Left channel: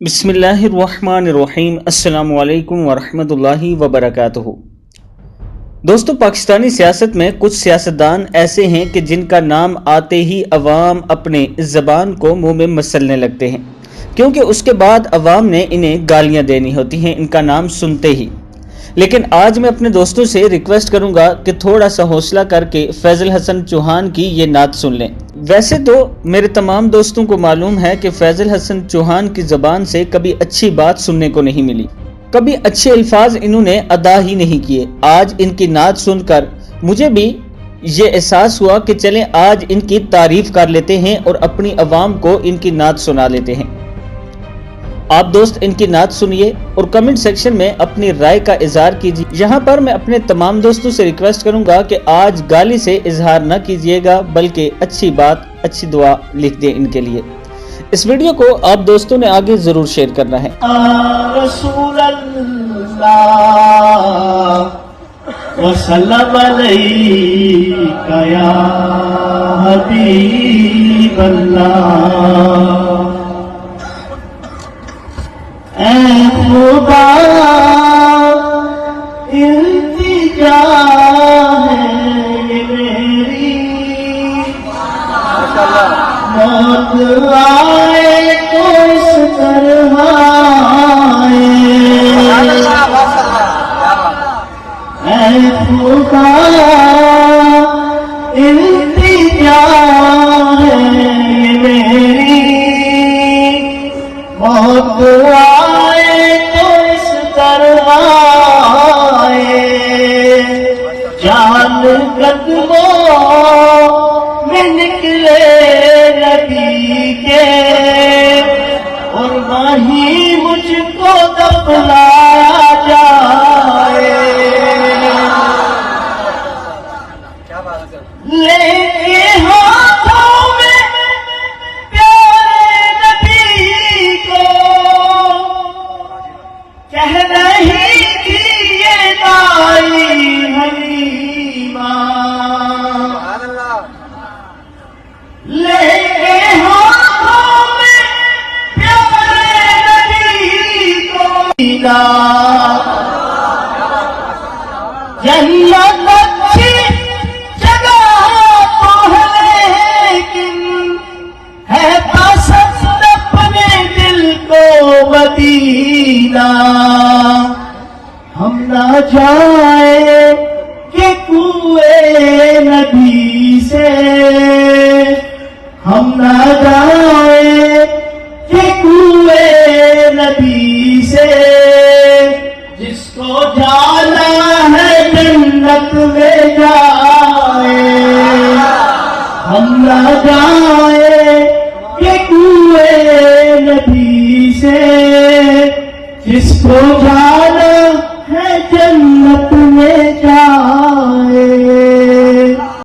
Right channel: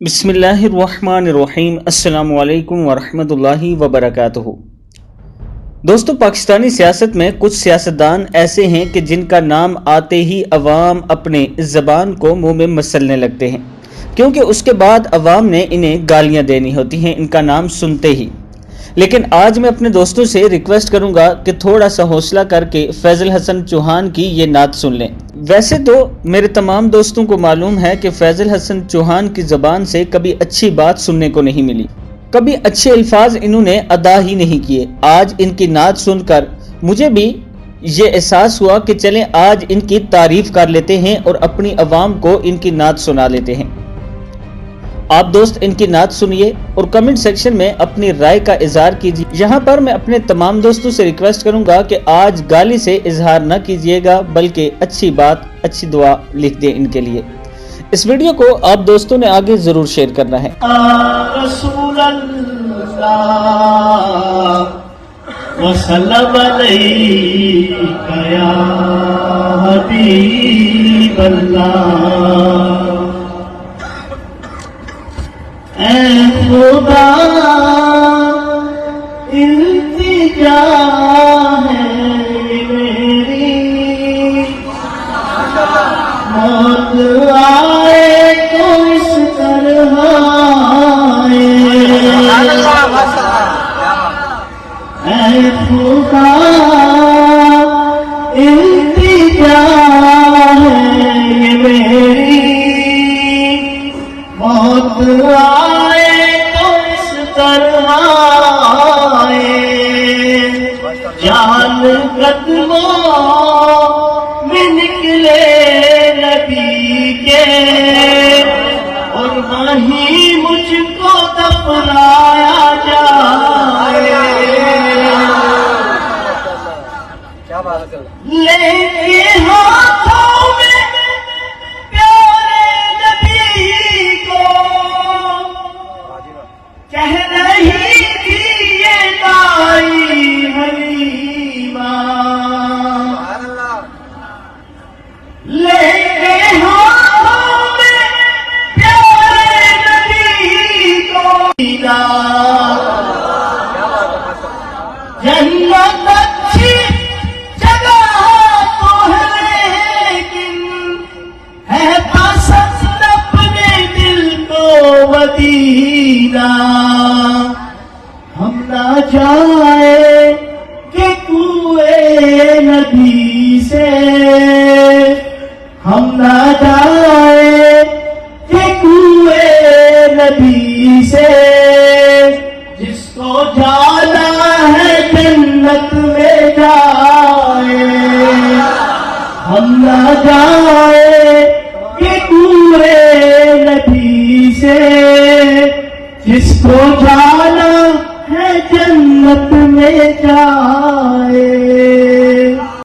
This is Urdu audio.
بسم اللہ الرحمن الرحیم۔ السلام علیکم ورحمۃ اللہ وبرکاتہ۔ دوستو، پاکستانی سیاست میں کچھ سیاستدان ایسے ہیں کہ جن کا نام آتے ہی عوام اپنے زبان کو منہ میں مسلنے لگتے ہیں، کیونکہ اس کے بعد عوام نے انہیں گالیاں دینی ہوتی ہیں ان کا نام سنتے ہی۔ لیکن آج میں اپنے دوستوں سے ریکویسٹ کروں گا کہ تھوڑا سا حوصلہ کر کے فیضل حسن چوہان کی یہ نعت سن لیں۔ ویسے تو میرے تمام دوستوں کو معلوم ہے کہ فیضل حسن چوہان کی زبان سے کبھی اچھی بات سننے کو نہیں ملی، کبھی اچھے الفاظ انہوں نے ادا ہی نہیں کیے۔ آج ان کی نعت سن کر مجھے بھی یہ احساس ہوا کہ چلیں آج ان کی تعریف کر لیتے ہیں اور اپنی عوام کو ان کی نعت سنا لیتے ہیں۔ آپ دوست ان کی نعت سنیے اور کمنٹ سیکشن میں اپنی رائے کا اظہار کیجیے۔ یہاں پر میں اپنے تمام دوستوں سے ریکویسٹ کروں گا کہ آج گالی سے اظہار نہ کیجیے گا، بلکہ اچھی بات، اچھی دعا لکھ دیں ان کے لیے۔ اس ویڈیو کو آپ دوستوں نے آگے ضرور شیئر کرنا ہے۔ رسول اللہ وسلم علیک یا حبیب اللہ، اے خدا التجا ہے یہ میری، موت آئے تو اس طرح آئے، اے خدا التجا ہے یہ میری، موت آئے تو اس طرح آئے، جان قدموں میں نکلے نبی کے، اور وہیں مجھ کو دفنایا جائے، لے کے ہاتھوں میں پیارے نبی کو، کہہ رہی تھی یہ دائی حلیمہ، لے کے ہاتھوں میں پیارے نبی کو، جنت اچھی جگہ تو ہے لیکن ہے پسند اپنے دل کو مدینہ، ہم نہ جائیں کہ کوئے نبی سے، ہم نہ جائیں کہ کوئے نبی سے، جس کو جانا ہے جنت میں جائے، ہم نہ جائیں کہ کوئے نبی سے، جس کو جانا ہے جنت میں جائے۔